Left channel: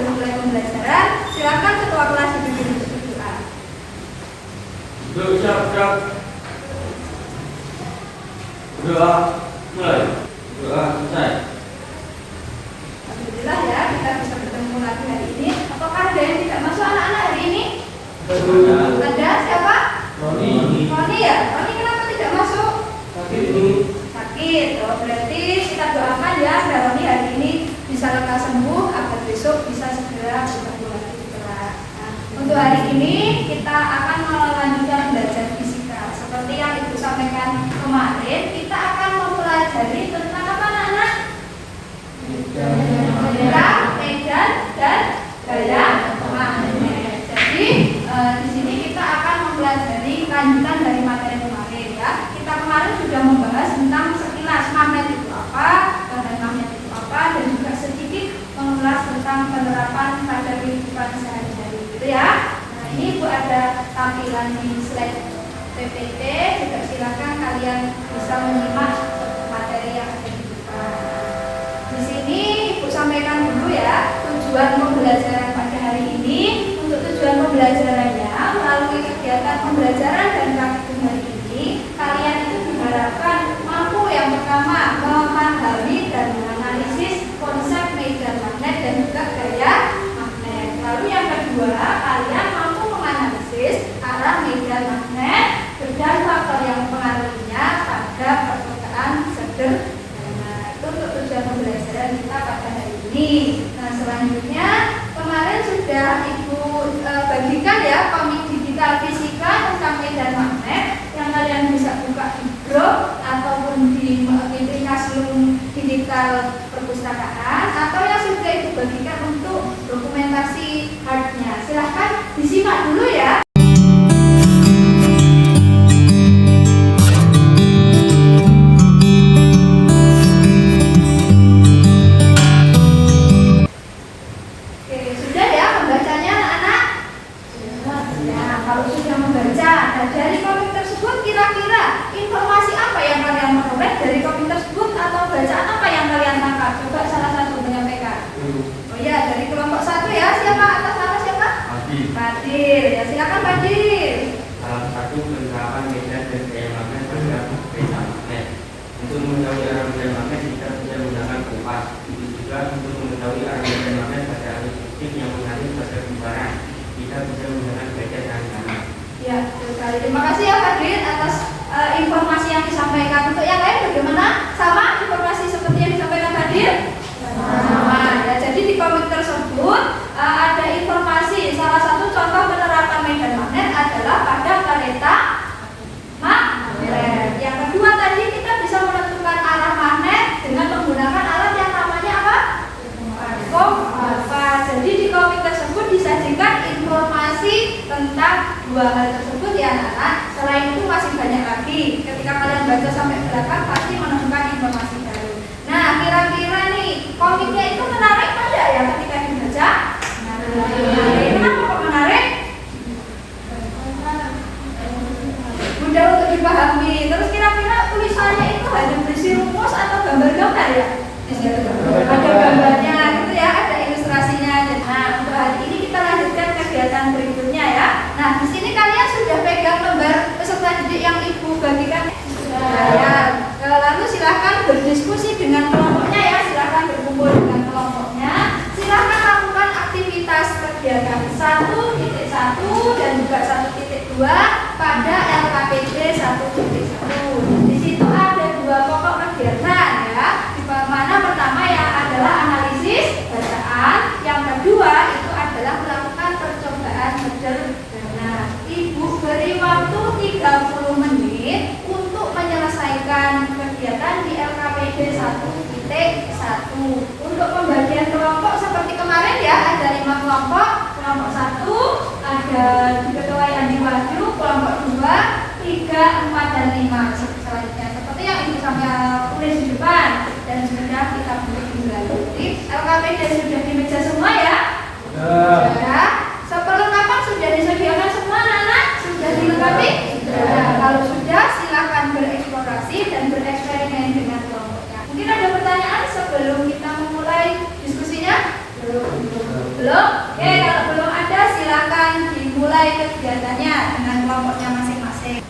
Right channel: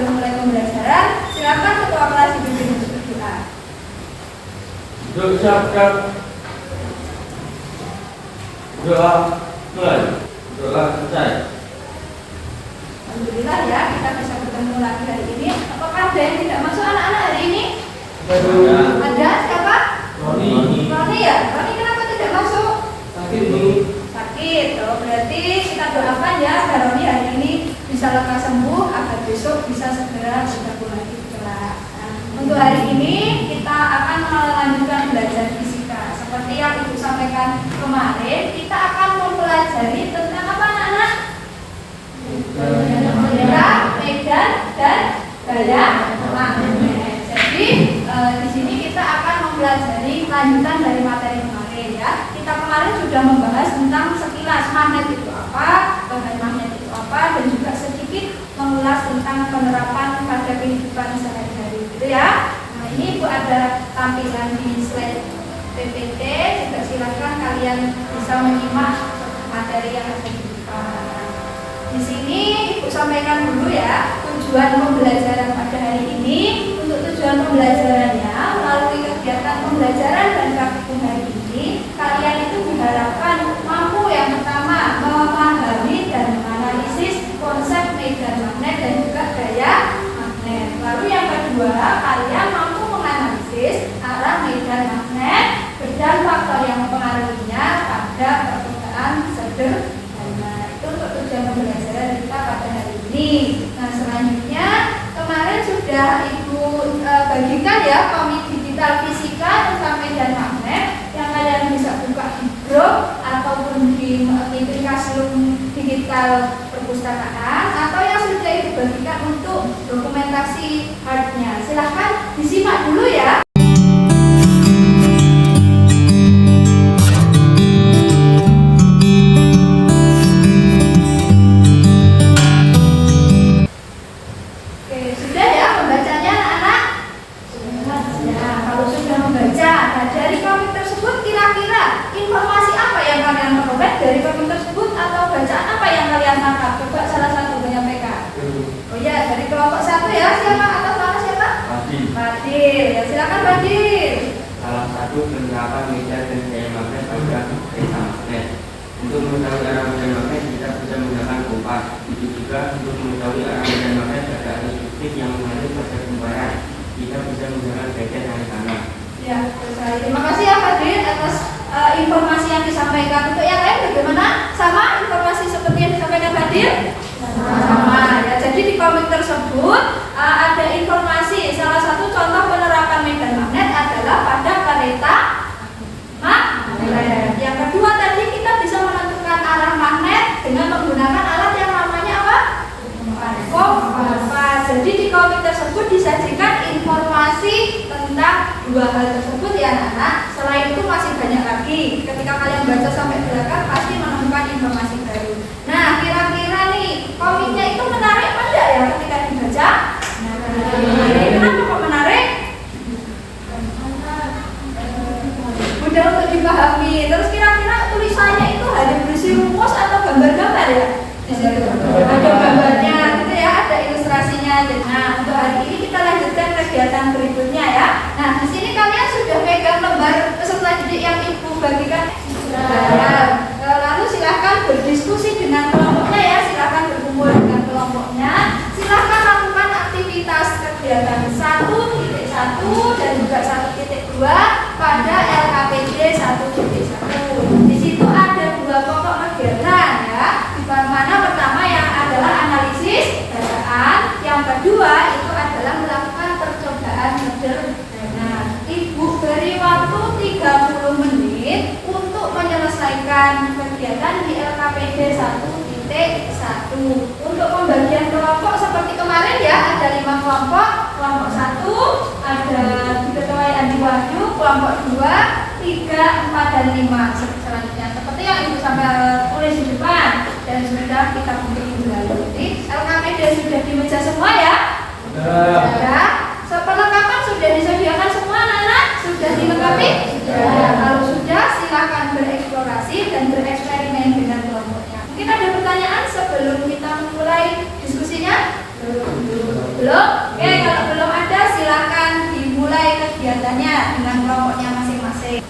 sebelum mulai pembelajaran, silakan ketua kelas dipimpin berdoa. Doa. Doa mulai. Doa selesai. Alhamdulillah ya, kita bisa bertemu lagi hari ini. Apakah ada yang tidak masuk anak-anak hari ini? Ada siapa? Roni. Roni ya? Roni kenapa tidak masuk? Sakit nih. Sakit. Oh, berarti kita doakan ya agar Roni hari ini bisa lekas sembuh agar besok bisa segera bertemu lagi di kelas. Nah, untuk hari ini kita akan melanjutkan belajar fisika. Seperti yang Ibu sampaikan kemarin, kita akan mempelajari tentang apa anak-anak? Medan dan gaya magnet. Jadi di sini kita akan mempelajari lanjutan dari materi kemarin ya. Kita kemarin sudah membahas tentang sekilas magnet itu apa, gaya magnet itu apa, dan juga sedikit mengulas tentang penerapan pada kehidupan sehari-hari gitu ya. Nah ini Ibu ada tampilan di slide PPT, juga silakan kalian bisa menyimak materi yang ada di depan. Di sini Ibu sampaikan dulu ya tujuan pembelajaran pada hari ini. Untuk tujuan pembelajarannya melalui kegiatan pembelajaran dan praktikum hari ini, kalian itu diharapkan mampu yang pertama memahami dan menganalisis konsep medan magnet dan juga gaya magnet. Lalu yang kedua, kalian mampu menganalisis arah medan magnet dan faktor yang mempengaruhinya pada permukaan sederhana. Itu untuk tujuan pembelajaran kita pada hari ini. Nah selanjutnya kemarin sudah Ibu bagikan ya komik digital fisika tentang medan magnet yang kalian bisa buka di blog ataupun di Classroom digital perpustakaan, atau yang sudah Ibu bagikan untuk dokumentasi hardnya. Silahkan disimak dulu ya. Dari komik tersebut atau bacaan apa yang kalian tangkap? Coba salah satu menyampaikan. Oh ya, dari kelompok 1 ya. Siapa atas nama siapa? Fadil. Ya silakan Fadil. Salah satu penerapan medan dan gaya magnet pada kereta magnet. Untuk mengetahui arah medan magnet kita bisa menggunakan kompas. Itu juga untuk mengetahui arah medan magnet pada arus listrik yang mengalir ke pertumbuhan. Kita bisa menggunakan tetes hari kanan. Ya, sekali. Terima kasih ya Fadil atas informasi yang disampaikan. Untuk yang lain bagaimana? Sama informasi seperti yang disampaikan Fadil? Sama ya. Jadi di komik tersebut ada informasi salah satu contoh penerapan medan magnet adalah pada kereta magnet. Yang kedua tadi kita bisa menentukan arah magnet dengan menggunakan alat yang namanya apa? Kompas. Jadi di komik tersebut disajikan informasi tentang dua hal tersebut ya anak-anak. Selain itu masih banyak lagi. Ketika kalian baca sampai belakang pasti menemukan informasi baru. Nah kira-kira nih komiknya itu menarik apa enggak ya ketika dibaca? Menarik. Kenapa kok menarik? Mudah untuk dipahami. Terus kira-kira tulisannya itu hanya berisi rumus atau gambar-gambar ya? Di situ ada gambarnya gitu ya, ada ilustrasinya. Nah untuk hari ini kita lanjutkan kegiatan berikutnya ya. Nah di sini kalian sudah pegang lembar peserta didik yang Ibu bagikan. Ya. Lalu silahkan berdiskusi dengan kelompoknya ya, silahkan berkumpul dengan kelompoknya. Silahkan lakukan aktivitas kegiatan 1.1 dan juga 1.2 pada LKPD 1.1. Di situ ada dua pokok kegiatan ya. Di mana pertama yang adalah analisis bacaan, yang kedua itu adalah melakukan percobaan sederhana. Ibu beri waktu 30 menit untuk menyelesaikan kegiatan di LKPD 1.1. Untuk pembagian kelompok seperti kemarin ya, ada 5 kelompok. Kelompok 1 ada diketuai Andi Wahyu, kelompok 2, 3, 4, dan 5 selanjutnya. Seperti yang Ibu sampai tulis di depan dan sudah kita buat jadi LKPD sudah di meja semua ya? Sudah. Perlengkapan sudah disediakan semua anak-anak? Sudah dilengkapi? Sudah. Kalau sudah silahkan bereksplorasi dan bereksperimen dengan kelompoknya. Mungkin ada pertanyaan sebelum kita memulai diskusinya? Belum? Oke, kalau belum ada silakan dimulai kegiatannya dengan kelompoknya masing-masing.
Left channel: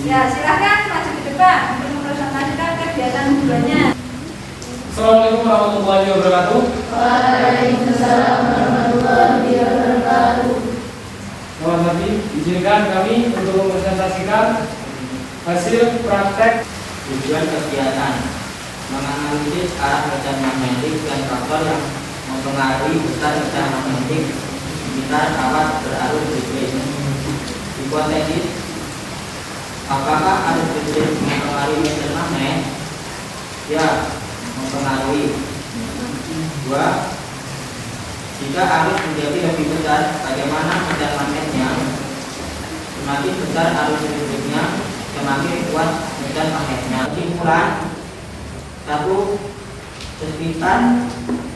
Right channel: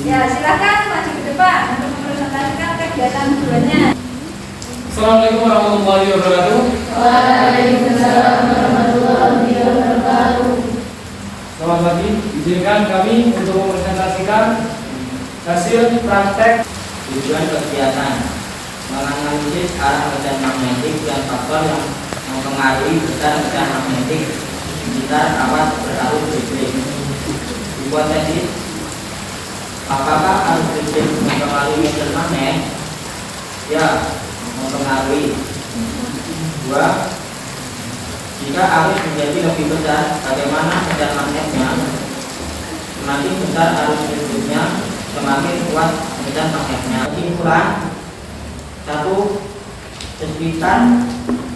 Ya, silakan maju ke depan untuk mempresentasikan kegiatan keduanya. Assalamualaikum warahmatullahi wabarakatuh. Waalaikumsalam warahmatullahi wabarakatuh. Selamat pagi, izinkan kami untuk mempresentasikan hasil praktek. Tujuan kegiatan menganalisis arah medan magnetik dan faktor yang mempengaruhi besar medan magnetik di sekitar kawat berarus listrik. Hipotesis: apakah arus listrik mempengaruhi medan magnet? Ya, mempengaruhi. 2. Jika arus menjadi lebih besar, bagaimana medan magnetnya? Semakin besar arus listriknya, semakin kuat medan magnetnya. Kesimpulan: 1. Sekitar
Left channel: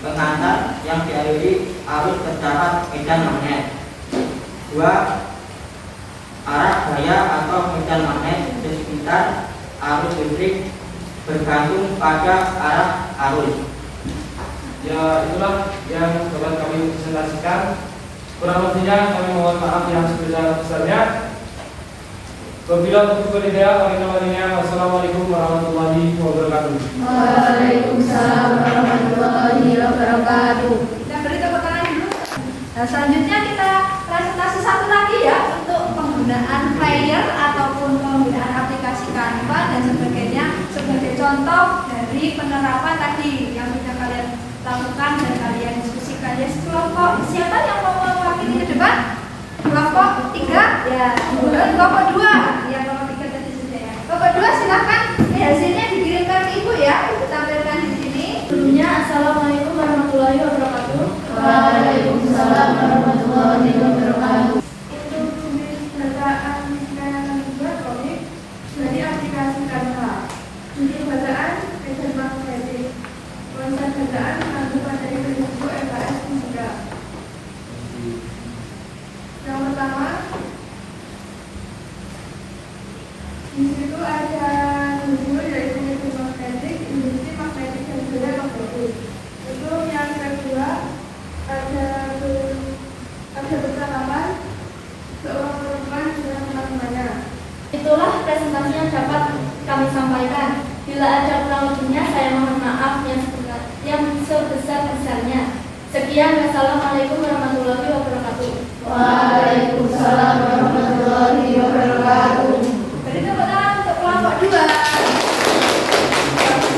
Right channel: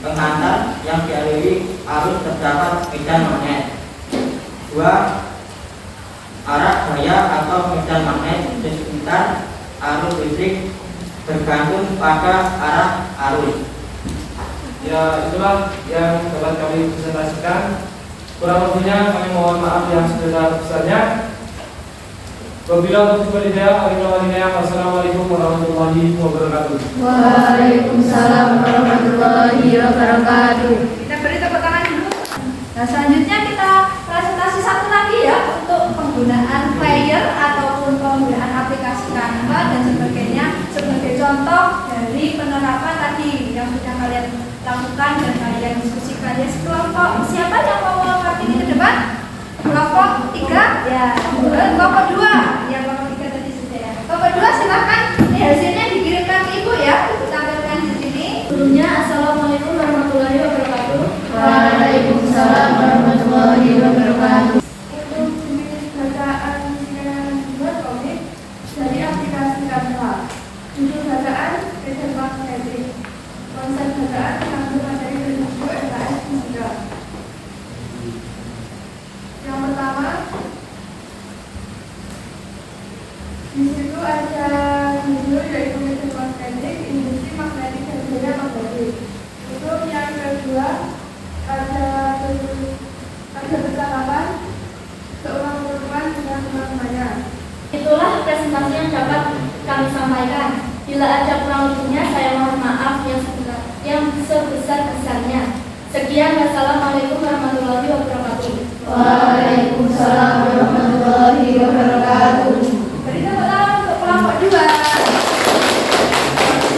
pengantar yang dialiri arus terdapat medan magnet. 2. Arah gaya atau medan magnet di sekitar arus listrik bergantung pada arah arus. Ya, itulah yang dapat kami presentasikan. Kurang lebihnya kami mohon maaf yang sebesar-besarnya. Wabillahi taufiq wal hidayah. Wassalamualaikum warahmatullahi wabarakatuh. Waalaikumsalam warahmatullahi wabarakatuh. Kita beri tepuk tangan dulu. Nah, selanjutnya kita presentasi satu lagi ya untuk penggunaan player ataupun penggunaan aplikasi kantor dan sebagainya sebagai contoh dari penerapan tadi yang sudah kalian lakukan dan kalian diskusikan. Ya, kelompok siapa yang mau mewakili ke depan? Kelompok 3 ya, kemudian kelompok 2 ya, kelompok 3 tadi sudah ya. Kelompok 2 silakan, ini hasilnya dikirimkan ke ibu ya, tampilkan di sini. Sebelumnya, Assalamualaikum warahmatullahi wabarakatuh. Waalaikumsalam warahmatullahi wabarakatuh. Untuk jenis bacaan yang dibuat komik dari aplikasi Canva. Judul bacaan medan magnetik. Konsep bacaan mengambil materi dari buku LKS Fisika. Yang pertama, di situ ada judul yaitu medan magnetik, industri magnetik dan gaya magnetik. Untuk yang kedua ada Waalaikumsalam warahmatullahi wabarakatuh. Beri tepuk tangan untuk kelompok 2.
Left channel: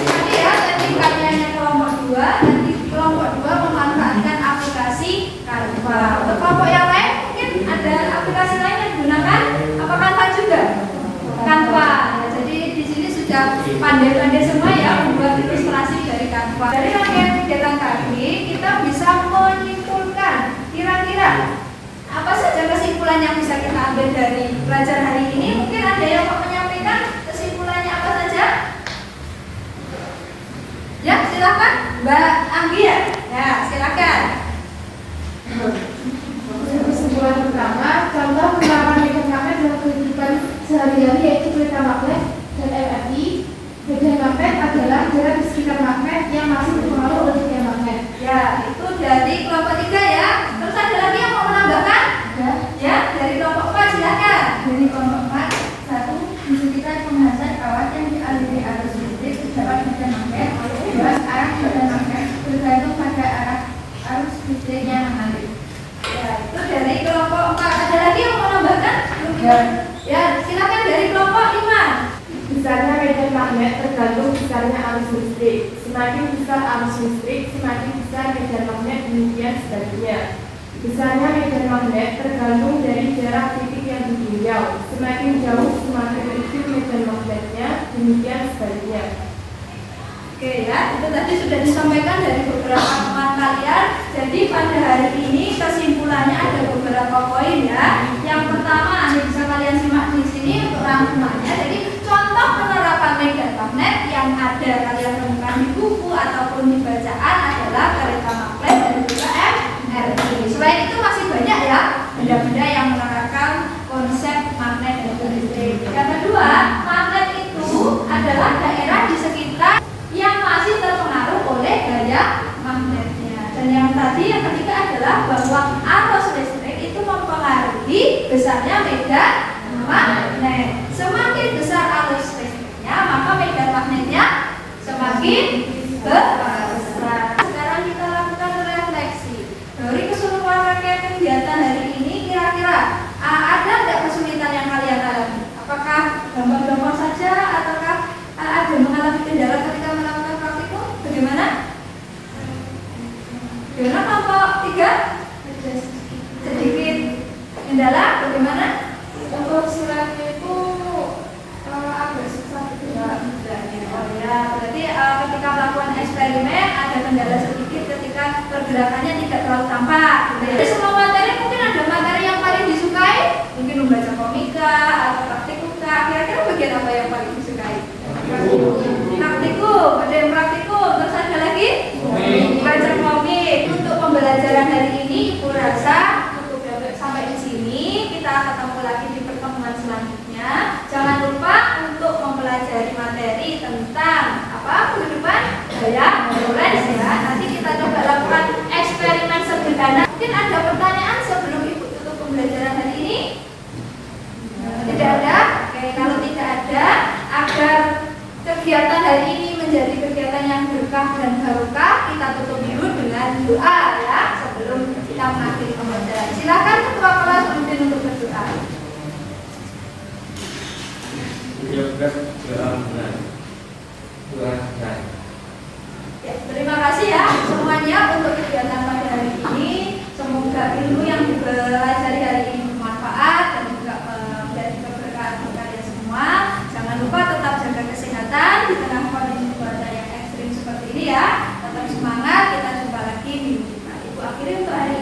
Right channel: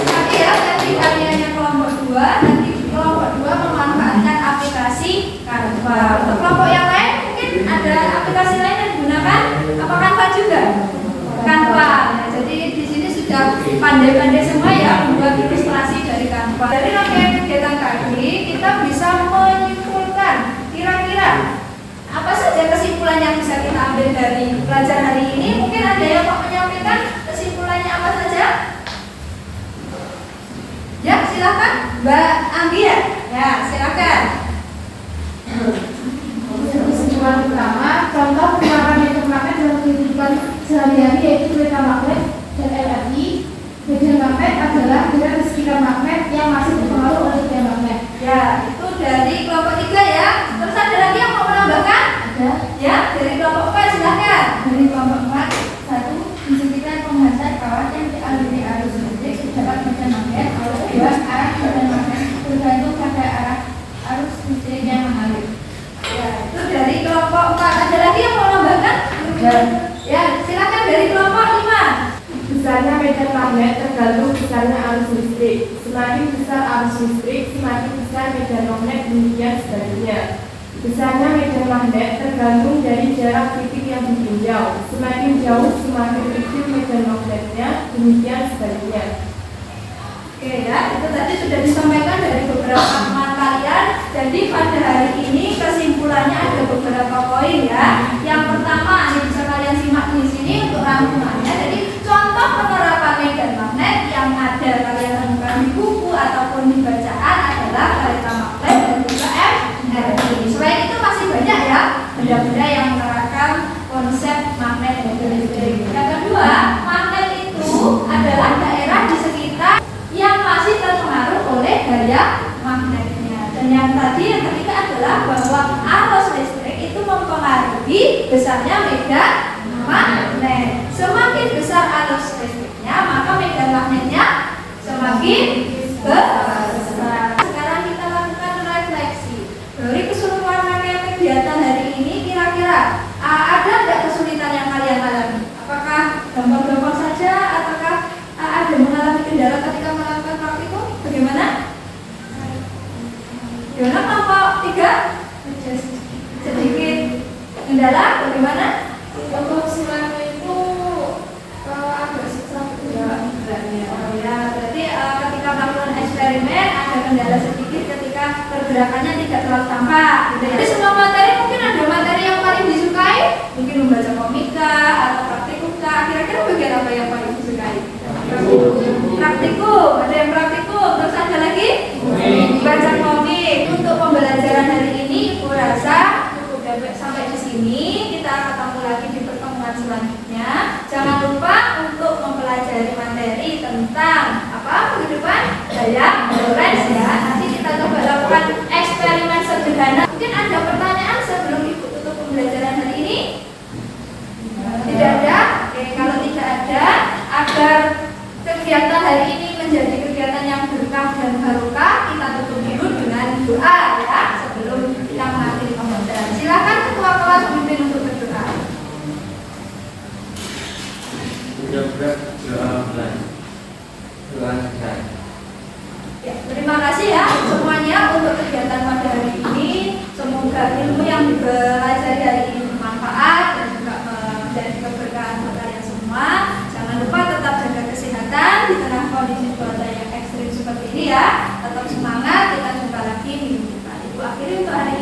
Tadi ya, tadi karyanya kelompok 2. Nanti kelompok 2 memanfaatkan aplikasi Canva. Untuk kelompok yang lain mungkin ada aplikasi lain yang digunakan. Apa Canva juga? Canva. Ya, jadi di sini sudah pandai-pandai semua ya membuat ilustrasi dari Canva. Dari rangkaian kegiatan tadi kita bisa menyimpulkan kira-kira apa saja kesimpulan yang bisa kita ambil dari pelajaran hari ini. Mungkin ada yang mau menyampaikan kesimpulannya apa saja? Ya, silakan Mbak Anggi ya. Ya, silakan. Kesimpulan pertama, contoh penerapan medan magnet dalam kehidupan sehari-hari yaitu kereta magnet dan LRT. Medan magnet adalah jarak di sekitar magnet yang masih terpengaruh oleh medan magnet. Ya, itu dari kelompok 3 ya. Terus ada lagi yang mau menambahkan? Ada. Ya, dari kelompok 4 silakan. Dari kelompok 4, 1. Disebutkan pembahasan kawat yang dialiri arus listrik terdapat medan magnet. 2. Arah medan magnet tergantung pada arah arus listrik yang mengalir. Ya, itu dari kelompok 4. Ada lagi yang mau menambahkan? Ya, silakan dari kelompok 5. Besarnya medan magnet tergantung besarnya arus listrik. Semakin besar arus listrik, semakin besar medan magnet, demikian sebaliknya. Besarnya medan magnet tergantung dari jarak titik yang ditinjau. Semakin jauh, semakin kecil medan magnetnya, demikian sebaliknya. Oke ya, itu tadi sudah disampaikan dari beberapa teman kalian. Jadi pada hari ini kesimpulannya ada beberapa poin ya. Yang pertama, ini bisa kalian simak di sini untuk rangkumannya. Jadi contoh penerapan medan magnet yang ada kalian temukan di buku ataupun di bacaan adalah kereta magnet dan juga MRT. Selain itu masih banyak ya benda-benda yang menerapkan konsep magnet dan juga listrik. Yang kedua, magnet itu adalah daerah di sekitar yang masih terpengaruh oleh gaya magnetnya. Dan yang ketiga adalah bahwa arus listrik itu mempengaruhi besarnya medan magnet. Semakin besar arus listriknya, maka medan magnetnya semakin besar. Sekarang kita lakukan refleksi. Dari keseluruhan rangkaian kegiatan hari ini, kira-kira ada nggak kesulitan yang kalian alami? Apakah gampang-gampang saja, ataukah ada mengalami kendala ketika melakukan praktikum? Bagaimana? Gimana kelompok 3? Sedikit kendala, bagaimana? Untuk usulannya itu agak susah Ya, berarti ketika melakukan eksperimen ada kendala sedikit ketika pergerakannya tidak terlalu tampak. Jadi semua materi mungkin ada materi yang paling disukai, mungkin membaca komika atau praktikumka. Kira-kira bagian apa yang paling disukai? Praktikum, ada yang praktikum. Terus ada lagi? Baca komik. Untuk pembelajaran hari ini, Ibu rasa cukup sampai di sini. Kita ketemu lagi di pertemuan selanjutnya. Jangan lupa untuk mempelajari materi tentang apa kehidupan gaya Lorentz ya. Nanti kita coba lakukan eksperimen sederhana. Mungkin ada pertanyaan sebelum Ibu tutup pembelajaran hari ini? Tidak ada? Oke, kalau tidak ada, agar kegiatan hari ini menjadi kegiatan yang berkah dan barokah, kita tutup dulu dengan doa ya sebelum kita mengakhiri pembelajaran. Silakan ketua kelas kemudian untuk berdoa. Juga doa mulai. Doa sehat. Ya, terima kasih ya semuanya untuk kegiatan pada hari ini. Semoga ilmu yang dipelajari hari ini bermanfaat dan juga menjadi keberkahan untuk kalian semua. Jangan lupa tetap jaga kesehatan di tengah kondisi cuaca yang ekstrim seperti ini ya. Tetap semangat, kita jumpa lagi minggu depan. Ibu akhiri untuk hari